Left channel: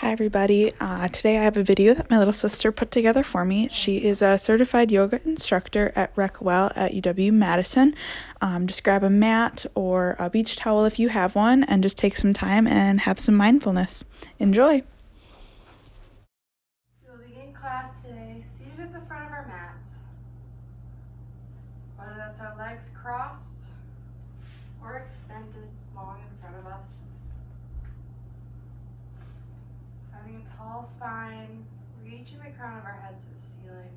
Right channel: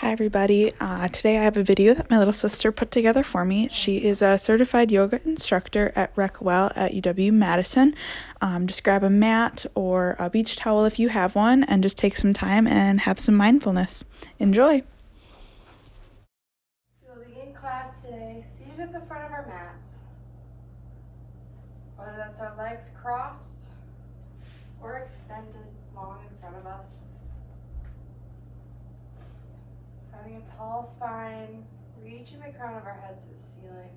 Hi everybody. Today I have a video that my little sister put together for me. She is a certified yoga instructor at Recwell at UW-Madison. Just grab a mat or a beach towel if you have one and just take some time and have some mindfulness. Enjoy! We will begin class today seated at the front of our mat. Whether that's our legs crossed or extended long in front of us. Having a tall spine, reaching the crown of our head to the ceiling,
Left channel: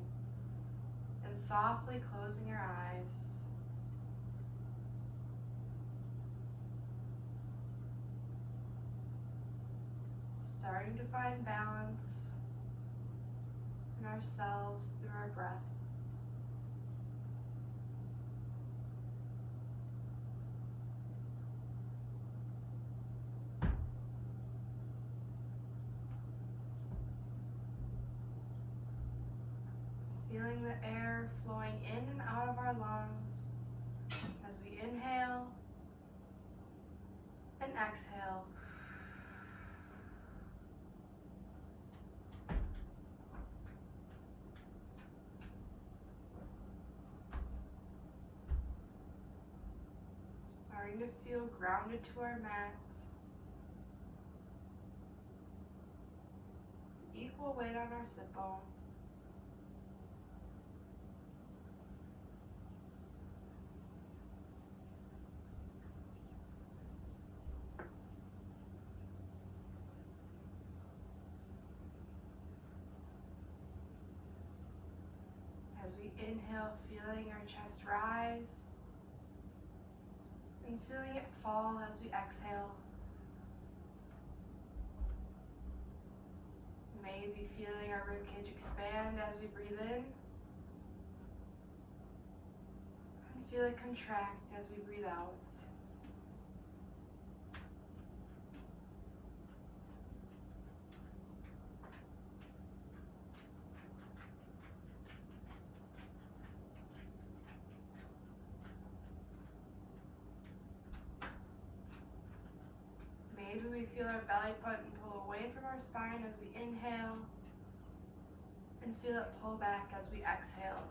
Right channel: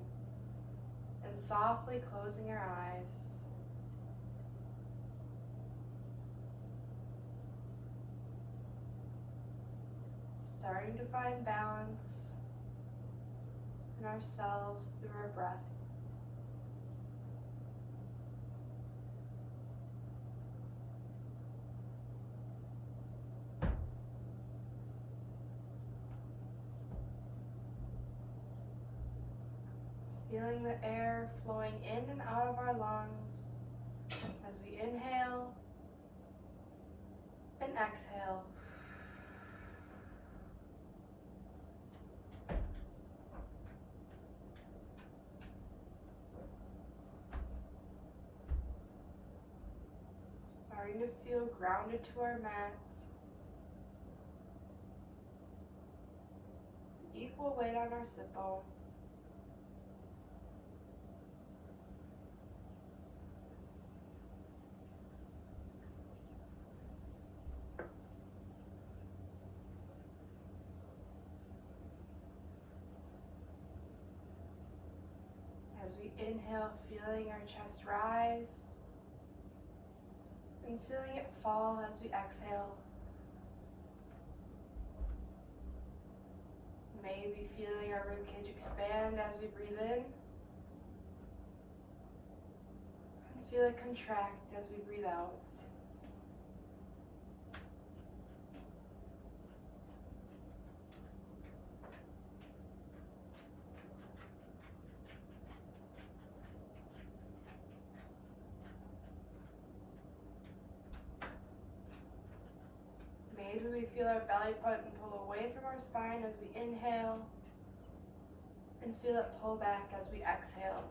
and softly closing our eyes. Starting to find balance in ourselves through our breath. Feeling the air flowing in and out of our lungs as we inhale and exhale. Starting to feel grounded to our mat. Equal weight on our sit bones. As we inhale, feeling our chest rise and feeling it fall as we exhale. Maybe feeling our ribcage expand as we breathe in and feel it contract as we breathe out. Maybe we feel our belly button pull away from our spine as we inhale and feel it pull back as we exhale.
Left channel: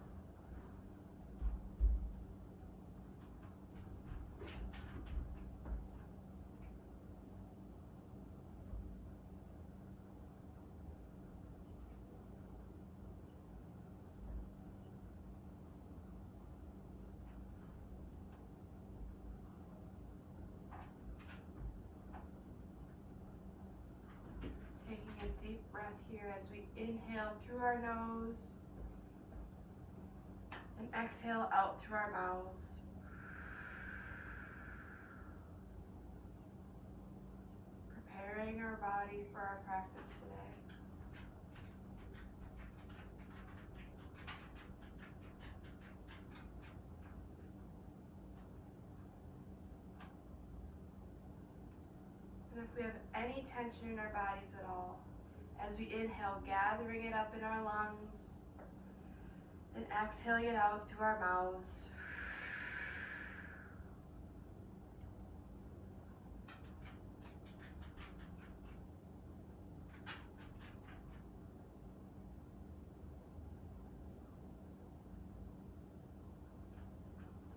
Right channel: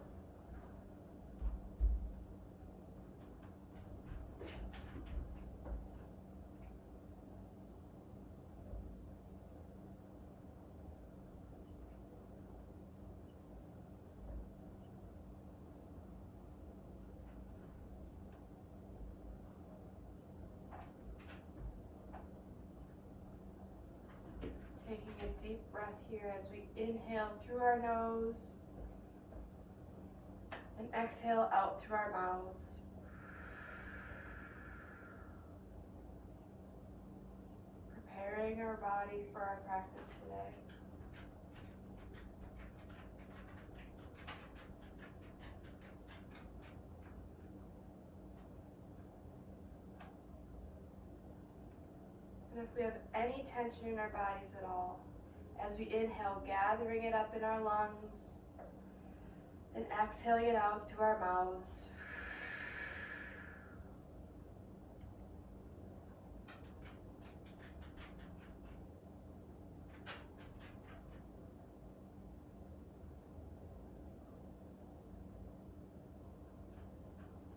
Taking a deep breath here as we inhale through our nose and exhale out through our mouths. Preparing our body for our practice today. And if we have any tension in our bodies at all, as we inhale, gathering it up in our lungs and exhaling it out through our mouths.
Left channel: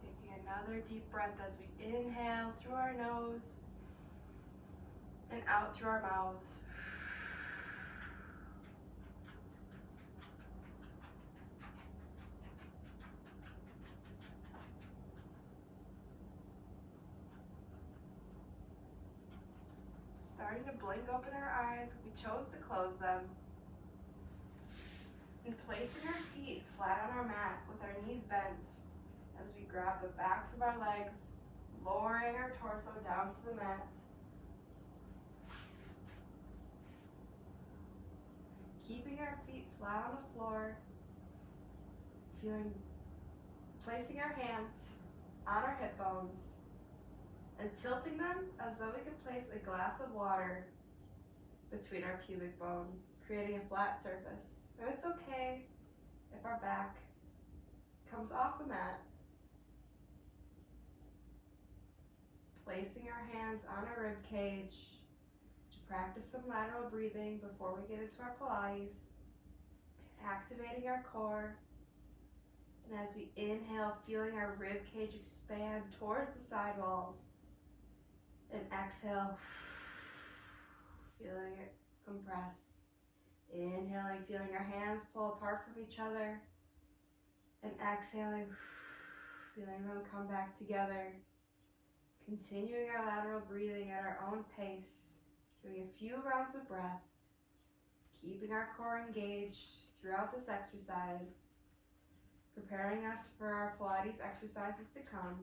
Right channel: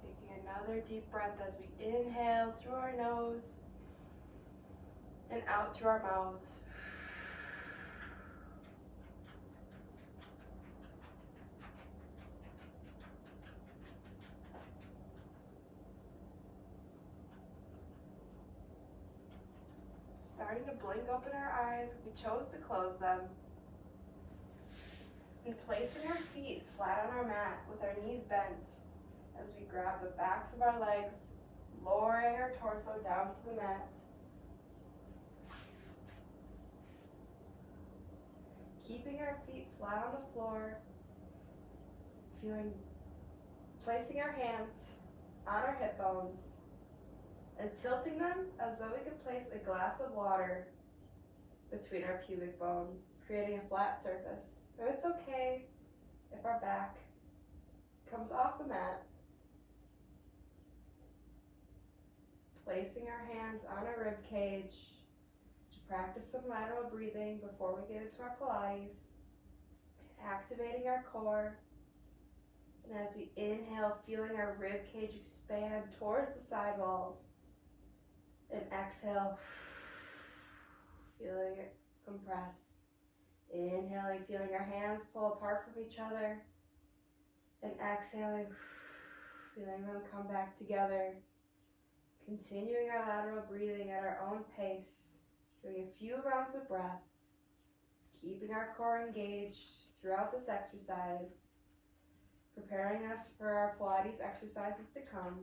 Taking another deep breath as we inhale through our nose and out through our mouths. Starting to blink open our eyes if we chose to close them. And placing our feet flat on our mat with our knees bent as we grab the backs of our legs, lowering our torso down to the mat. Keeping our feet flat on the floor, placing our hands on our hip bones and tilting them as though we could place a glass of water between our pubic bone, creating a flat surface. And it's okay if our back comes off the mat. Placing our hands on our rib cage, practice some lateral breathing before we get into our Pilates, activating our core. And as we inhale, feeling our rib cage expand towards the side walls. And exhale, feeling it compress. Inhaling, feeling our hands pull apart from each other. And exhaling, feeling them come back together. Continuing our lateral breathing at our own pace. Doing a few rounds of breath. Keeping our core engaged throughout this exercise. Preparing us for our Pilates exercises to come.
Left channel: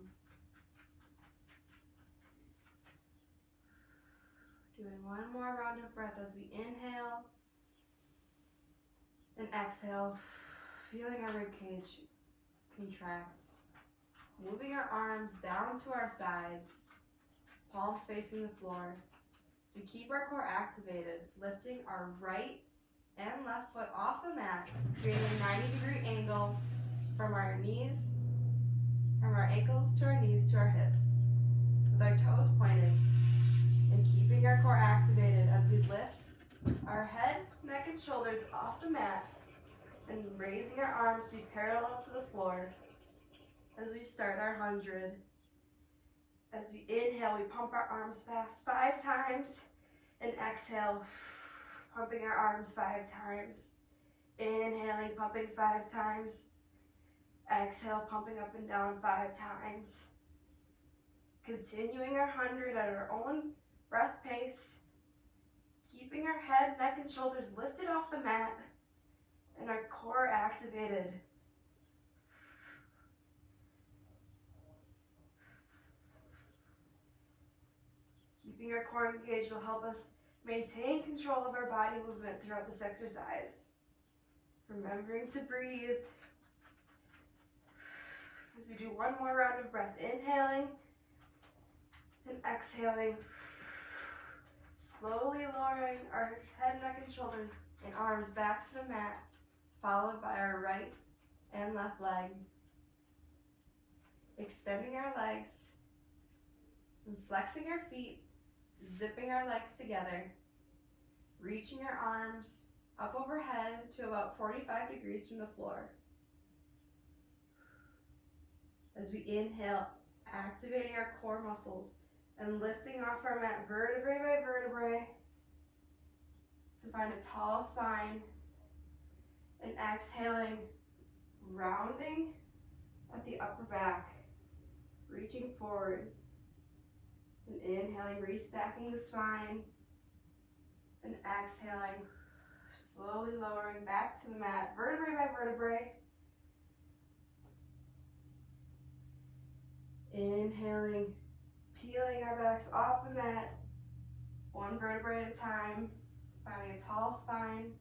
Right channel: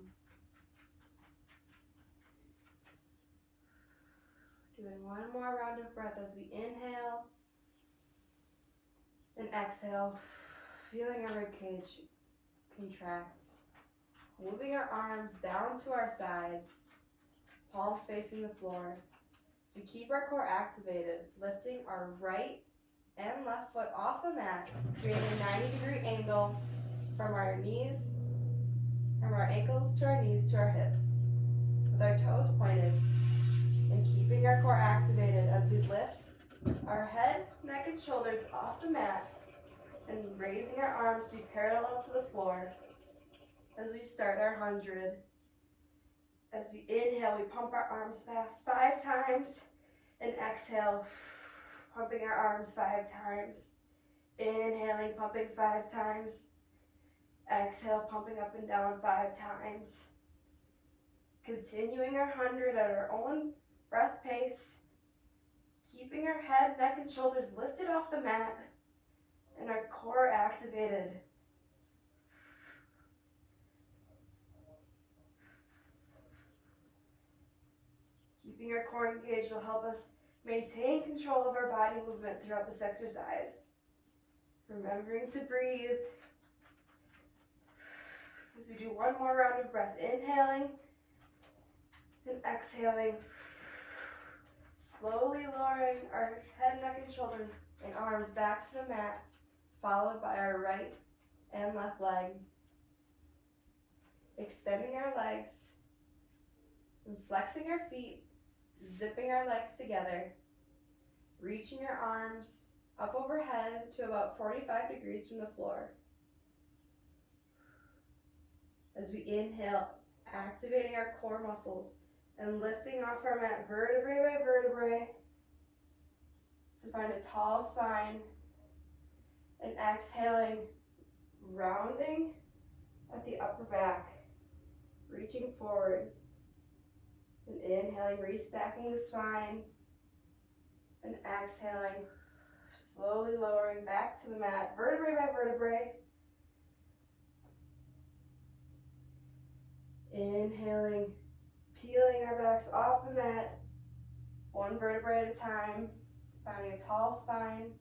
Doing one more round of breath as we inhale and exhale, feeling our rib cage contract. Moving our arms down to our sides, palms facing the floor. So we keep our core activated, lifting our right and left foot off the mat, creating a 90-degree angle from our knees, from our ankles to our knees to our hips, with our toes pointed, and keeping our core activated as we lift our head, neck, and shoulders off the mat, and raising our arms to be parallel to the floor as we start our 100. As we inhale, we pump our arms fast 5 times, and exhale, pumping our arms 5 times. Inhaling, pumping 5 times. Exhale, pumping up and down 5 times. Continuing our 100 at our own breath pace. Keeping our head, neck, and shoulders lifted off the mat and our core activated. Keeping our core engaged will help us maintain control of our body movement throughout this exercise. Remembering to breathe. As we do one more round of breath, inhaling and exhaling. Slowly lowering our head, neck, and shoulders and arms back to the mat, followed by our right and left leg. Extending our legs and flexing our feet, zipping our legs together, reaching our arms up overhead to about 45 degrees from the floor. As we inhale, activating our core muscles and lifting off our mat vertebrae by vertebrae to find a tall spine, and exhaling, rounding at the upper back, reaching forward, and inhaling, restacking the spine, and exhaling, slowly lowering back to the mat, vertebrae by vertebrae. Inhaling, peeling our backs off the mat, one vertebrae at a time, finding a tall spine,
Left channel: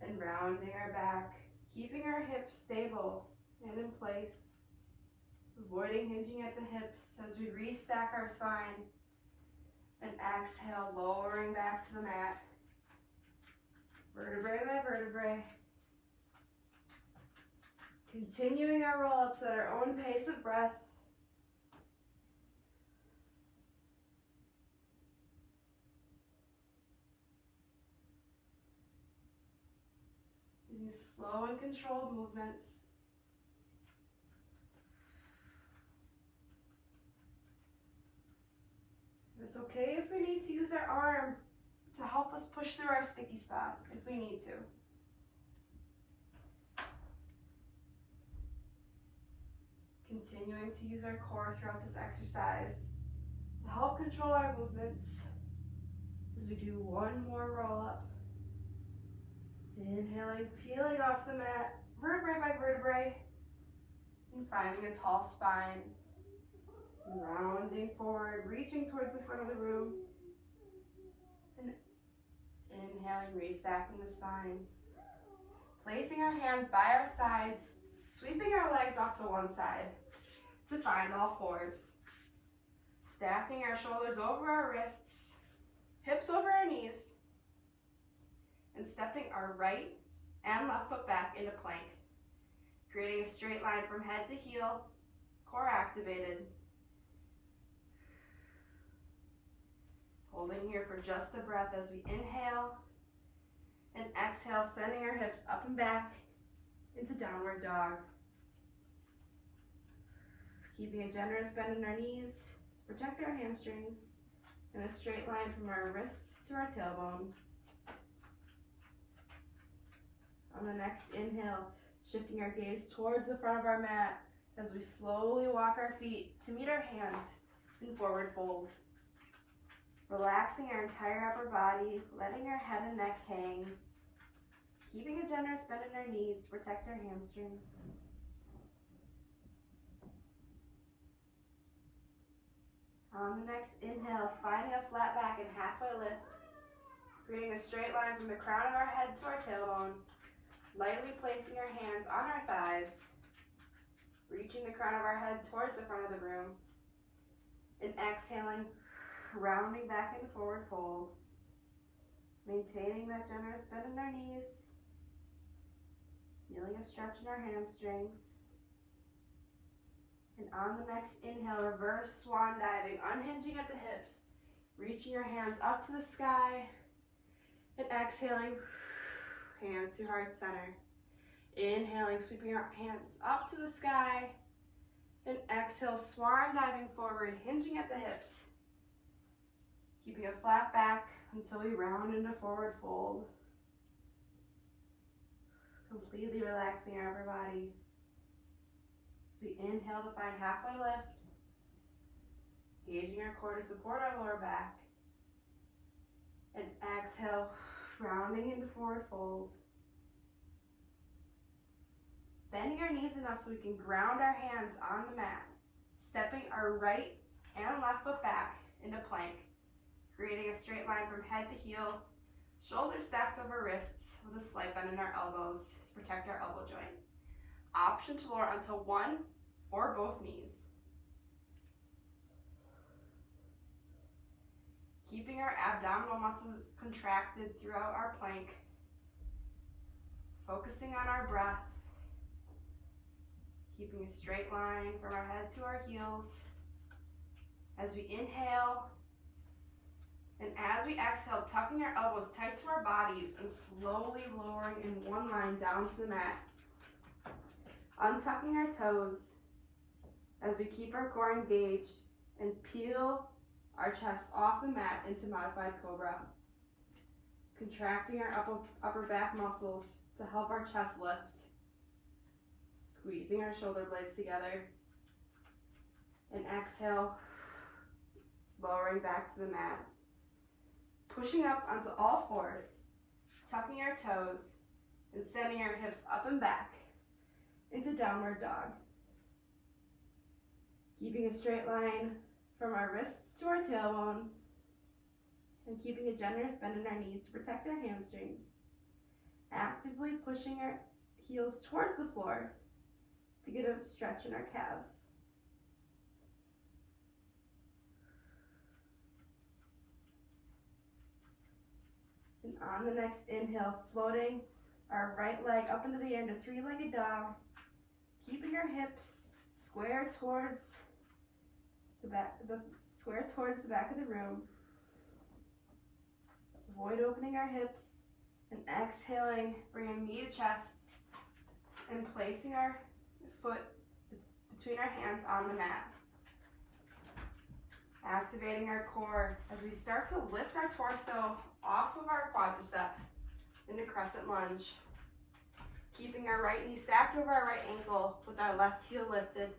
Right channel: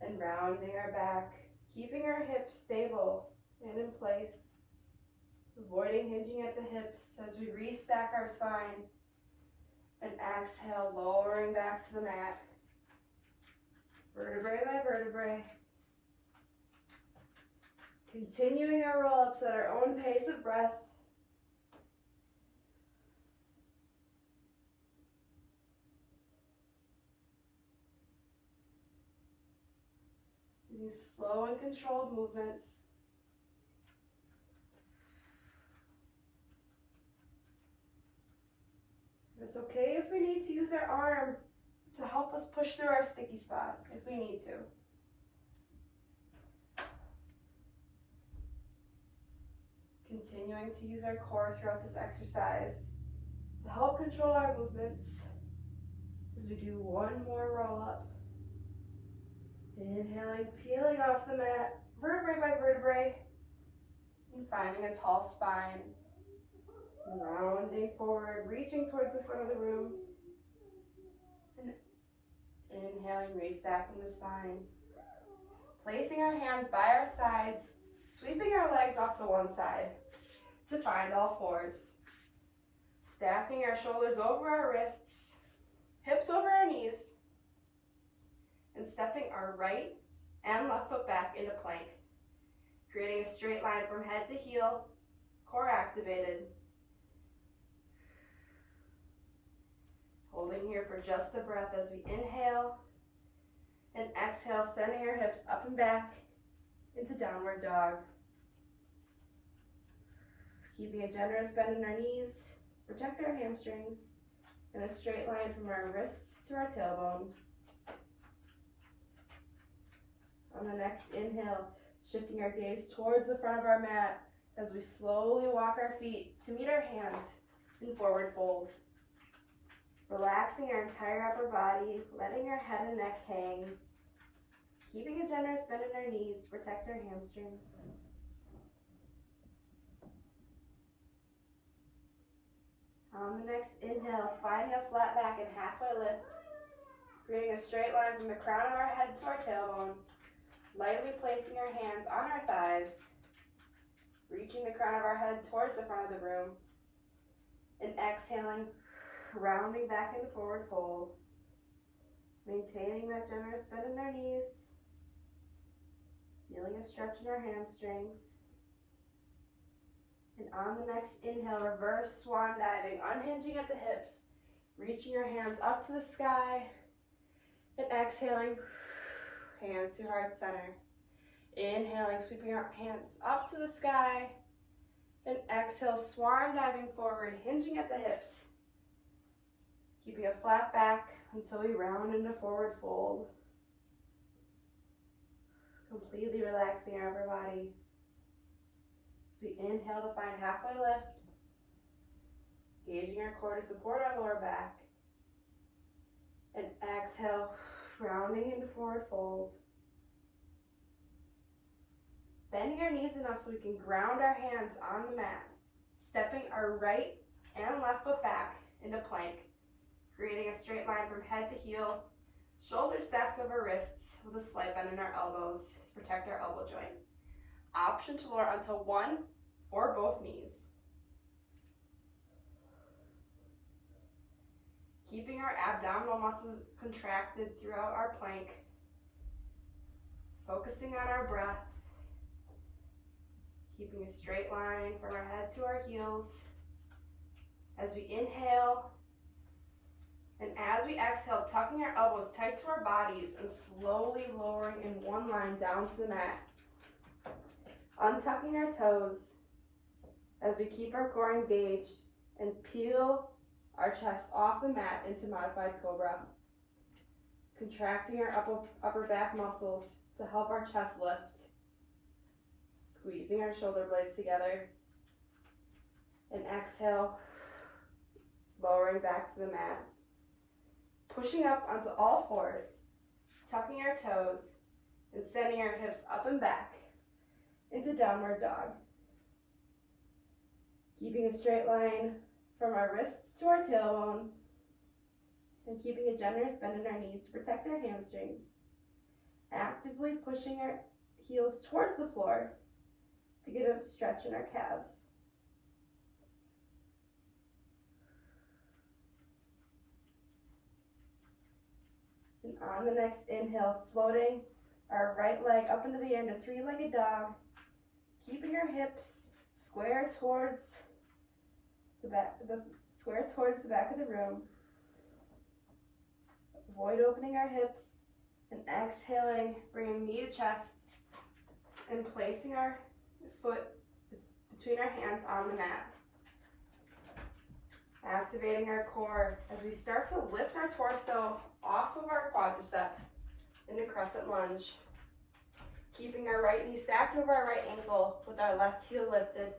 and rounding our back, keeping our hips stable and in place, avoiding hinging at the hips as we restack our spine, and exhale, lowering back to the mat, vertebrae by vertebrae. Continuing our roll-ups at our own pace of breath. Using slow and controlled movements. It's okay if we need to use our arm to help us push through our sticky spot, if we need to. Continuing to use our core throughout this exercise to help control our movements as we do one more roll up. Inhaling, peeling off the mat, vertebrae by vertebrae, and finding a tall spine. Rounding forward, reaching towards the front of the room. And inhaling, restacking the spine. Placing our hands by our sides, sweeping our legs off to one side to find all fours. Stacking our shoulders over our wrists, hips over our knees, and stepping our right and left foot back into plank. Creating a straight line from head to heel, core activated. Holding here for just a breath as we inhale and exhale, sending our hips up and back into downward dog. Keeping a generous bend in our knees to protect our hamstrings, in a straight line from our wrists to our tailbone. On the next inhale, shifting our gaze towards the front of our mat as we slowly walk our feet to meet our hands in forward fold. Relaxing our entire upper body, letting our head and neck hang. Keeping a generous bend in our knees to protect our hamstrings. On the next inhale, finding a flat back and halfway lift, creating a straight line from the crown of our head to our tailbone, lightly placing our hands on our thighs, reaching the crown of our head towards the front of the room, and exhaling, rounding back into forward fold, maintaining that generous bend in our knees, feeling a stretch in our hamstrings. And on the next inhale, reverse swan diving, unhinging at the hips, reaching your hands up to the sky, and exhaling, hands to heart center. Inhaling, sweeping our hands up to the sky, and exhale, swan diving forward, hinging at the hips, keeping a flat back until we round into forward fold, completely relaxing our upper body. So we inhale to find halfway lift, engaging our core to support our lower back, and exhale, rounding into forward fold. Bending our knees enough so we can ground our hands on the mat, stepping our right and left foot back into plank, creating a straight line from head to heel, shoulders stacked over wrists with a slight bend in our elbows to protect our elbow joint. Option to lower onto one or both knees. Keeping our abdominal muscles contracted throughout our plank. Focusing on our breath. Keeping a straight line from our head to our heels. As we inhale, and as we exhale, tucking our elbows tight to our bodies and slowly lowering in one line down to the mat. Untucking our toes as we keep our core engaged and peel our chest off the mat into modified cobra. Contracting our upper back muscles to help our chest lift. Squeezing our shoulder blades together. And exhale, lowering back to the mat. Pushing up onto all fours, tucking our toes, and sending our hips up and back into downward dog. Keeping a straight line from our wrists to our tailbone, and keeping a generous bend in our knees to protect our hamstrings. Actively pushing our heels towards the floor to get a stretch in our calves. And on the next inhale, floating our right leg up into the air into three-legged dog, keeping our hips square towards the back of the room. Avoid opening our hips, and exhaling, bringing knee to chest, and placing our foot between our hands on the mat. Activating our core as we start to lift our torso off of our quadricep into crescent lunge. Keeping our right knee stacked over our right ankle with our left heel lifted.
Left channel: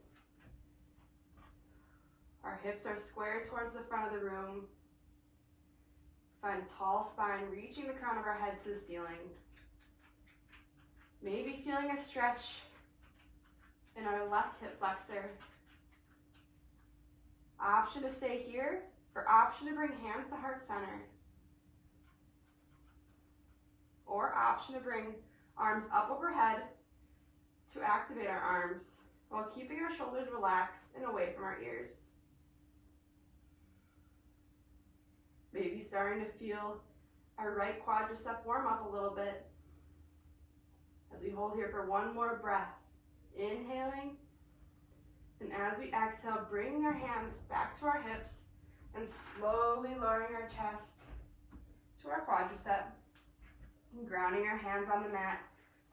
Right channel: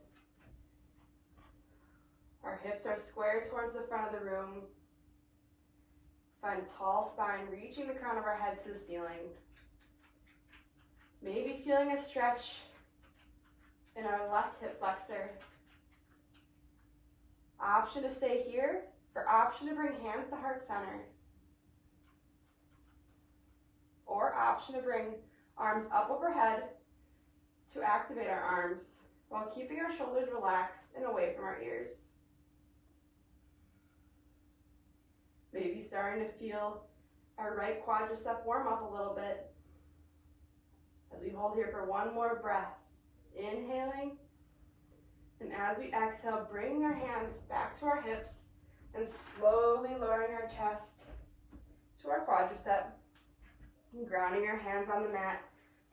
Our hips are square towards the front of the room. Find a tall spine, reaching the crown of our head to the ceiling. Maybe feeling a stretch in our left hip flexor. Option to stay here, or option to bring hands to heart center. Or option to bring arms up overhead to activate our arms while keeping our shoulders relaxed and away from our ears. Maybe starting to feel our right quadricep warm up a little bit as we hold here for one more breath. Inhaling, and as we exhale, bringing our hands back to our hips, and slowly lowering our chest to our quadricep and grounding our hands on the mat,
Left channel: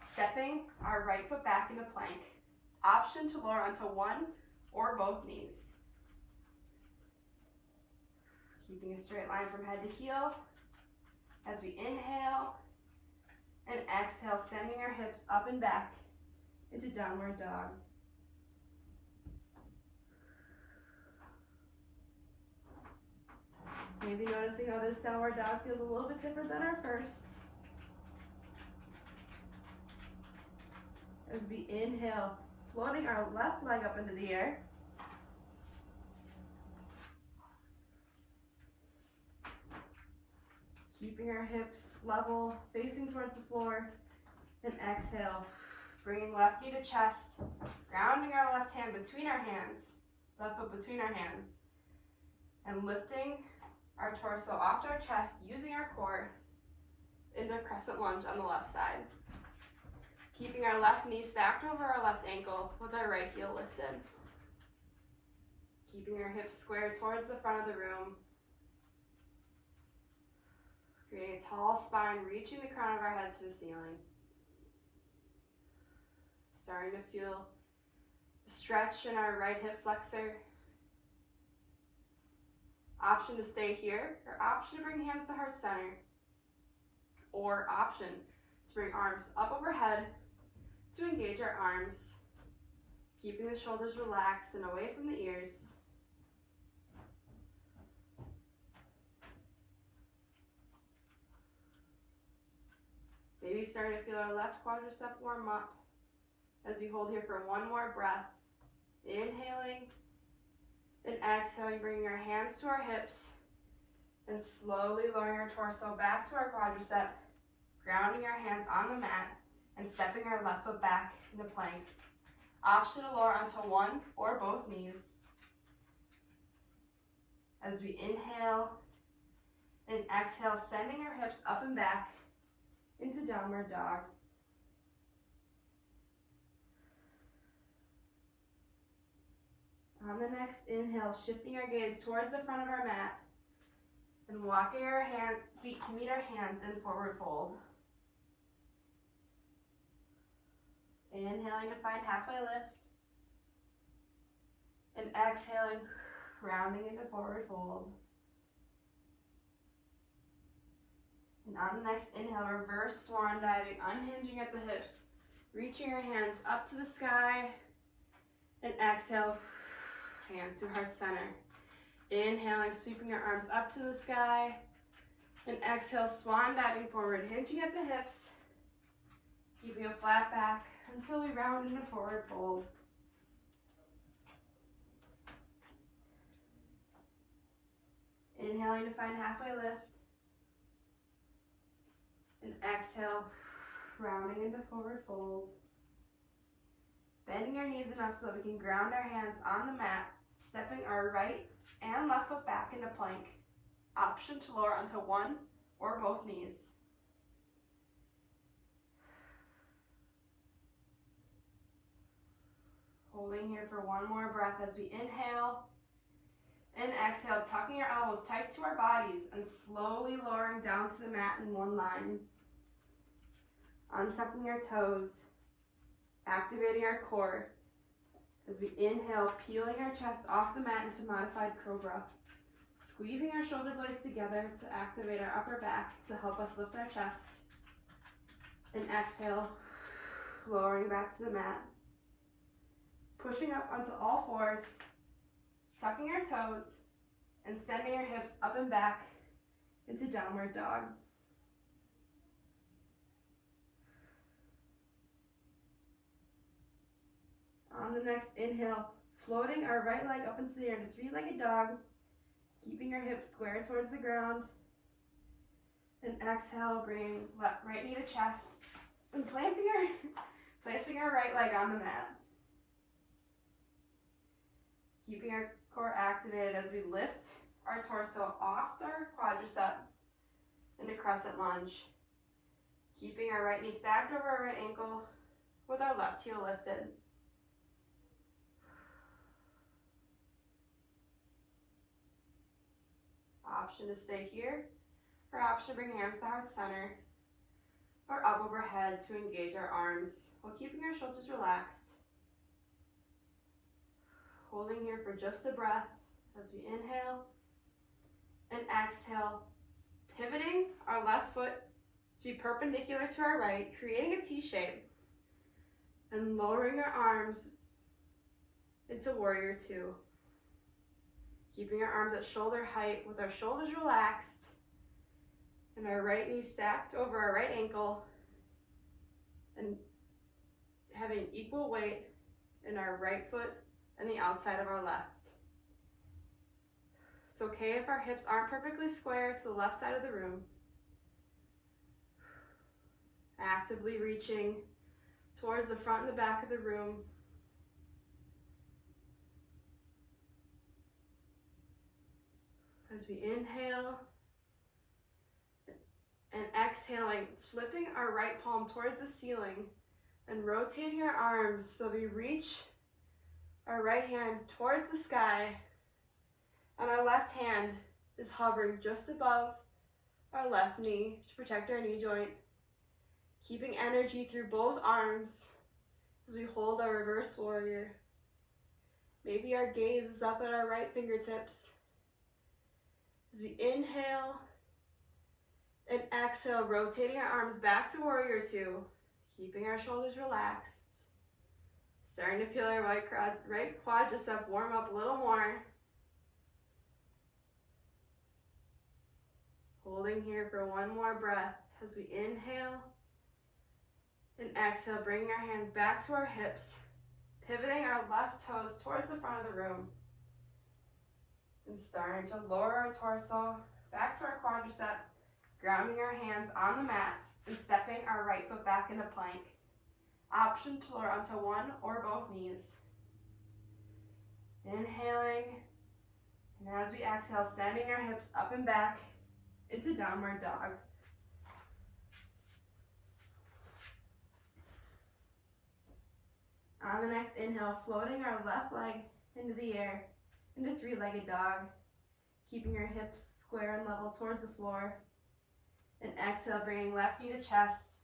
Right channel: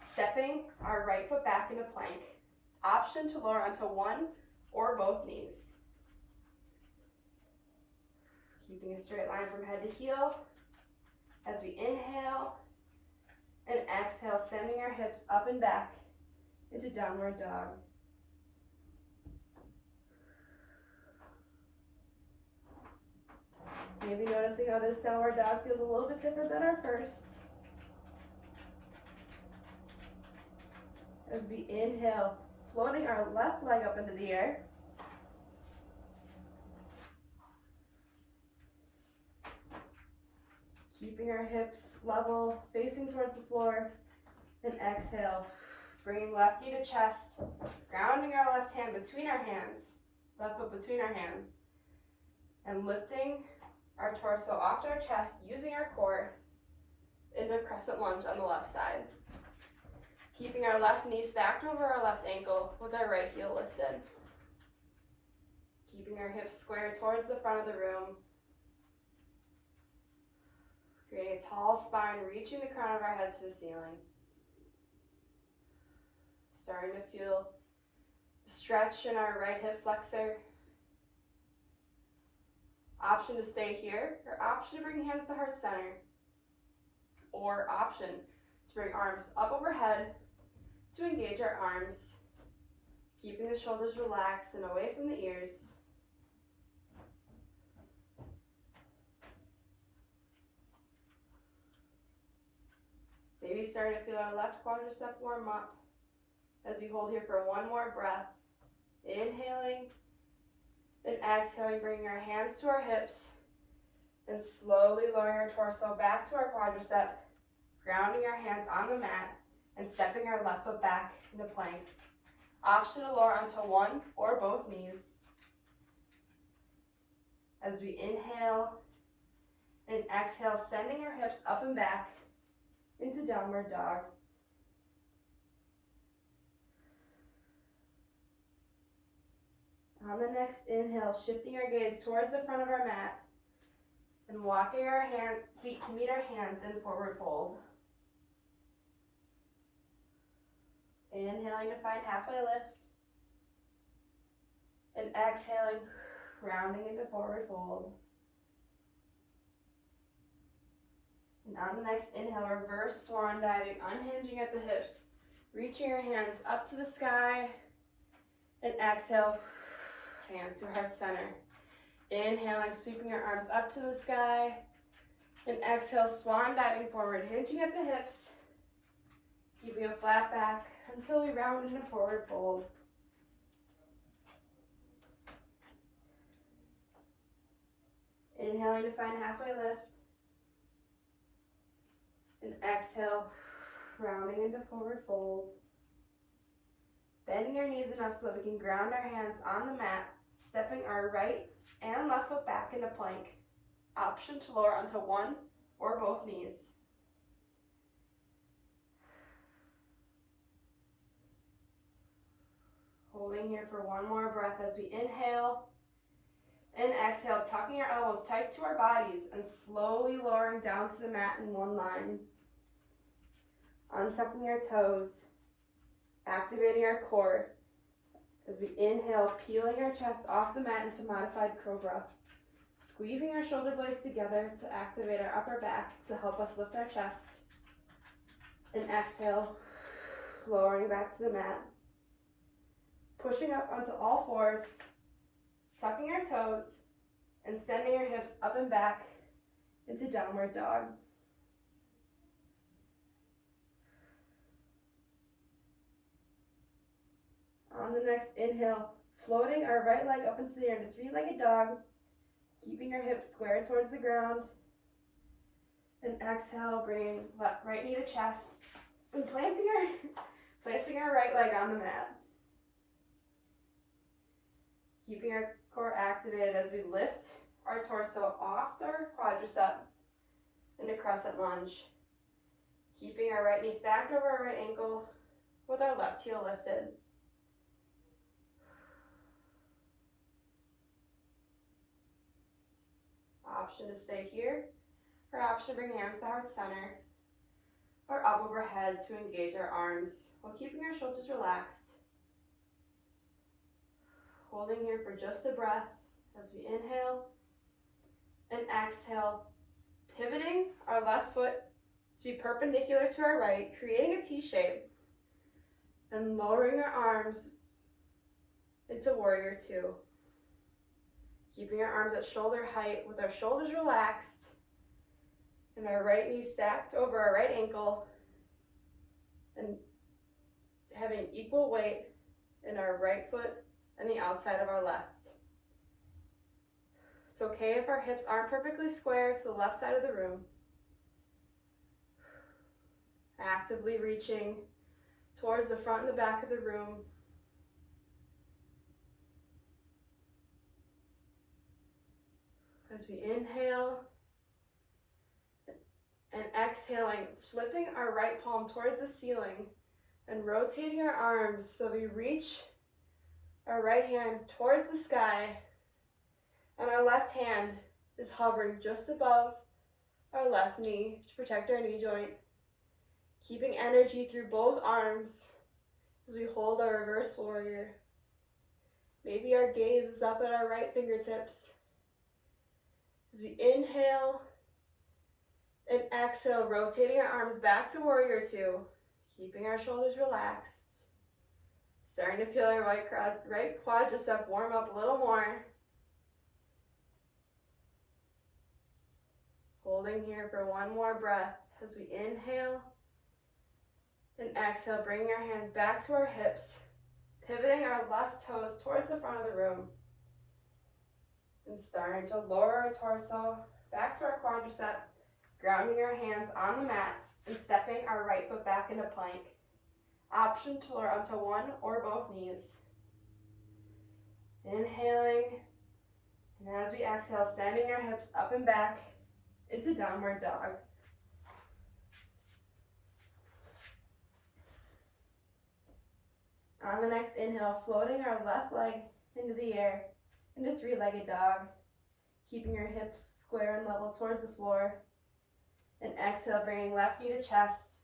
stepping our right foot back into plank. Option to lower onto one or both knees. Keeping a straight line from head to heel as we inhale and exhale, sending our hips up and back into downward dog. Maybe noticing how this downward dog feels a little bit different than our first. As we inhale, floating our left leg up into the air. Keeping our hips level, facing towards the floor. And exhale, bringing left knee to chest, grounding our left hand between our hands, left foot between our hands, and lifting our torso off our chest, using our core into crescent lunge on the left side. Keeping our left knee stacked over our left ankle with our right heel lifted. Keeping our hips squared towards the front of the room. Creating a tall spine, reaching the crown of our head to the ceiling. Starting to feel a stretch in our right hip flexor. Option to stay here, or option to bring hands to heart center. Or option to bring arms up overhead to engage our arms, keeping the shoulders relaxed and away from the ears. Maybe starting to feel our left quadricep warm up as we hold here for one more breath. Inhaling and exhaling, bringing our hands to our hips and slowly lowering our torso back to our quadricep, grounding our hands on the mat and stepping our left foot back into plank. Option to lower onto one or both knees. As we inhale and exhale, sending our hips up and back into downward dog. On the next inhale, shifting our gaze towards the front of our mat and walking our feet to meet our hands in forward fold. Inhaling to find halfway lift. And exhaling, rounding into forward fold. And on the next inhale, reverse swan diving, unhinging at the hips, reaching your hands up to the sky, and exhale, hands to heart center. Inhaling, sweeping your arms up to the sky, and exhale, swan diving forward, hinging at the hips, keeping a flat back until we round into forward fold. Inhaling to find halfway lift. And exhale, rounding into forward fold. Bending our knees enough so that we can ground our hands on the mat, stepping our right and left foot back into plank. Option to lower onto one or both knees. Holding here for one more breath as we inhale and exhale, tucking our elbows tight to our bodies and slowly lowering down to the mat in one line. Untucking our toes, activating our core as we inhale, peeling our chest off the mat into modified cobra. Squeezing our shoulder blades together to activate our upper back to help us lift our chest. And exhale, lowering back to the mat. Pushing up onto all fours, tucking our toes, and sending our hips up and back into downward dog. On the next inhale, floating our right leg up into the air into three-legged dog, keeping our hips square towards the ground. And exhale, bringing right knee to chest, and planting our right leg on the mat. Keeping our core activated as we lift our torso off our quadricep into crescent lunge. Keeping our right knee stacked over our right ankle with our left heel lifted. Option to stay here, or option to bring hands to heart center, or up overhead to engage our arms while keeping our shoulders relaxed. Holding here for just a breath as we inhale and exhale, pivoting our left foot to be perpendicular to our right, creating a T shape, and lowering our arms into warrior two. Keeping our arms at shoulder height with our shoulders relaxed and our right knee stacked over our right ankle, and having equal weight in our right foot and the outside of our left. It's okay if our hips aren't perfectly square to the left side of the room. Actively reaching towards the front and the back of the room. As we inhale and exhaling, flipping our right palm towards the ceiling and rotating our arms so we reach our right hand towards the sky, and our left hand is hovering just above our left knee to protect our knee joint, keeping energy through both arms as we hold our reverse warrior. Maybe our gaze is up at our right fingertips. As we inhale and exhale, rotating our arms back to warrior two, keeping our shoulders relaxed. Starting to feel our right quadricep warm up a little more. Holding here for one more breath as we inhale and exhale, bringing our hands back to our hips, pivoting our left toes towards the front of the room. And starting to lower our torso back to our quadricep, grounding our hands on the mat and stepping our right foot back into plank. Option to lower onto one or both knees. Inhaling, and as we exhale, sending our hips up and back into downward dog. On the next inhale, floating our left leg into the air, into three-legged dog, keeping your hips square and level towards the floor. And exhale, bringing left knee to chest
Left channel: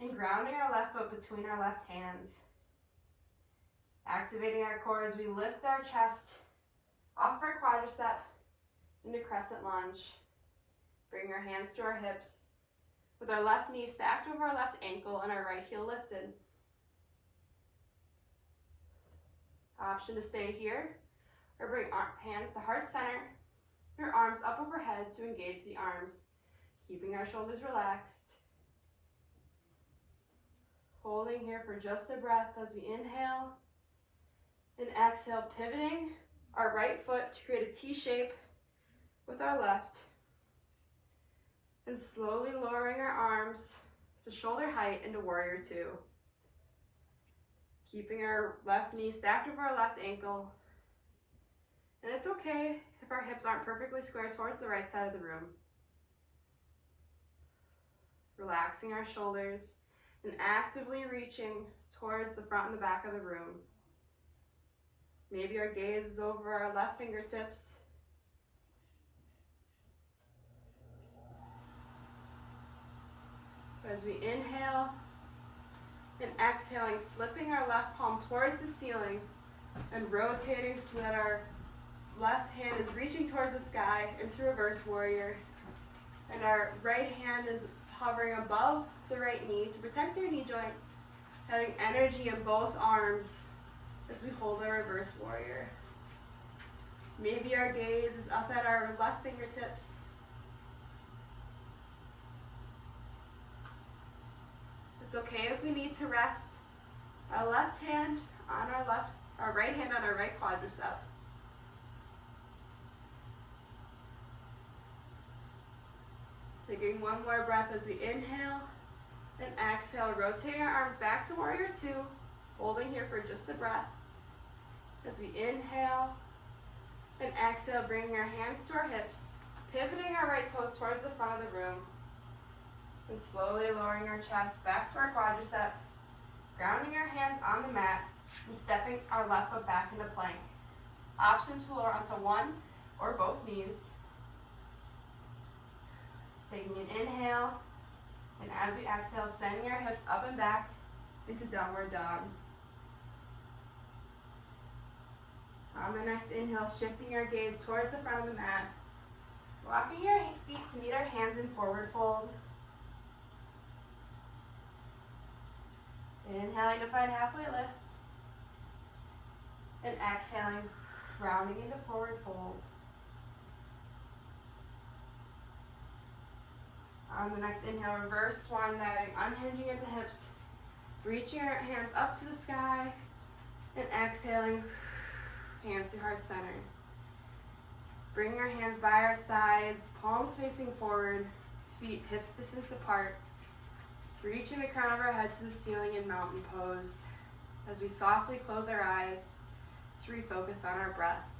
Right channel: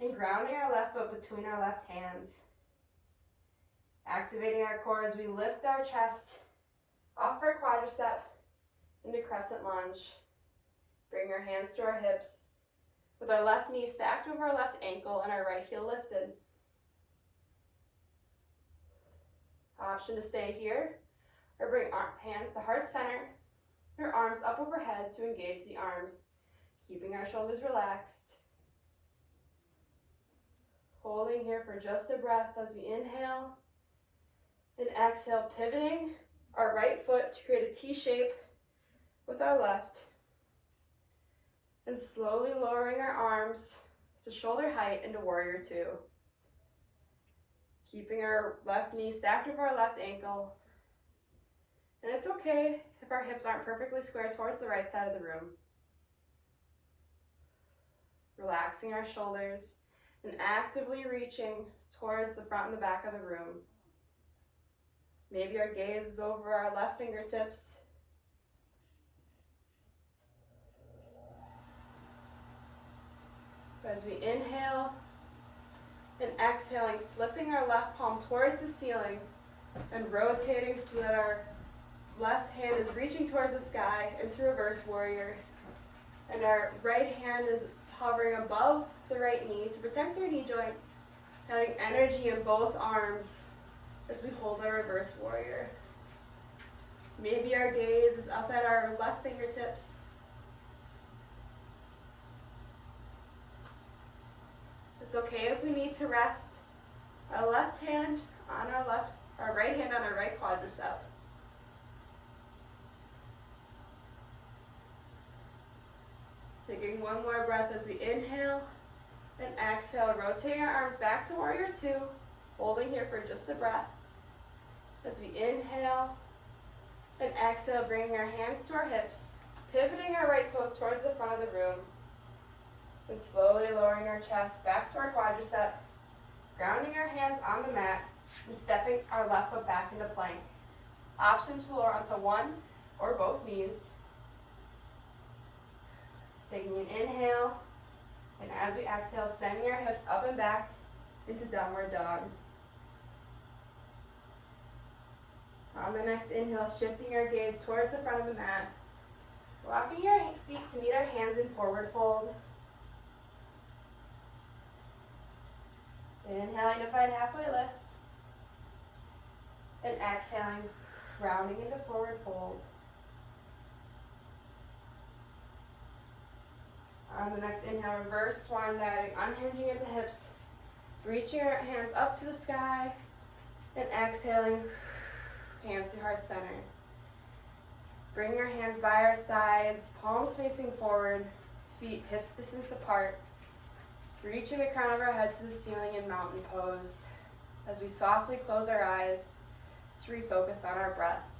and grounding our left foot between our left hands. Activating our core as we lift our chest off our quadricep into crescent lunge. Bring our hands to our hips with our left knee stacked over our left ankle and our right heel lifted. Option to stay here, or bring hands to heart center, your arms up overhead to engage the arms, keeping our shoulders relaxed. Holding here for just a breath as we inhale and exhale, pivoting our right foot to create a T shape with our left, and slowly lowering our arms to shoulder height into warrior two. Keeping our left knee stacked over our left ankle. And it's okay if our hips aren't perfectly square towards the right side of the room. Relaxing our shoulders and actively reaching towards the front and the back of the room. Maybe our gaze is over our left fingertips. As we inhale and exhaling, flipping our left palm towards the ceiling and rotating so that our left hand is reaching towards the sky into reverse warrior. And our right hand is hovering above the right knee to protect our knee joint, having energy in both arms as we hold our reverse warrior. Maybe our gaze is up at our left fingertips. It's okay if we need to rest our left hand on our right hand on our right quadricep. Taking one more breath as we inhale and exhale, rotating our arms back to warrior two, holding here for just a breath. As we inhale and exhale, bringing our hands to our hips, pivoting our right toes towards the front of the room, and slowly lowering our chest back to our quadricep, grounding our hands on the mat, and stepping our left foot back into plank. Option to lower onto one or both knees. Taking an inhale, and as we exhale, sending our hips up and back into downward dog. On the next inhale, shifting our gaze towards the front of the mat, rocking your feet to meet our hands in forward fold. Inhaling to find halfway lift, and exhaling, rounding into forward fold. On the next inhale, reverse swan diving, unhinging at the hips, reaching your hands up to the sky, and exhaling, hands to heart center. Bring your hands by our sides, palms facing forward, feet hips distance apart, reaching the crown of our head to the ceiling in mountain pose as we softly close our eyes to refocus on our breath.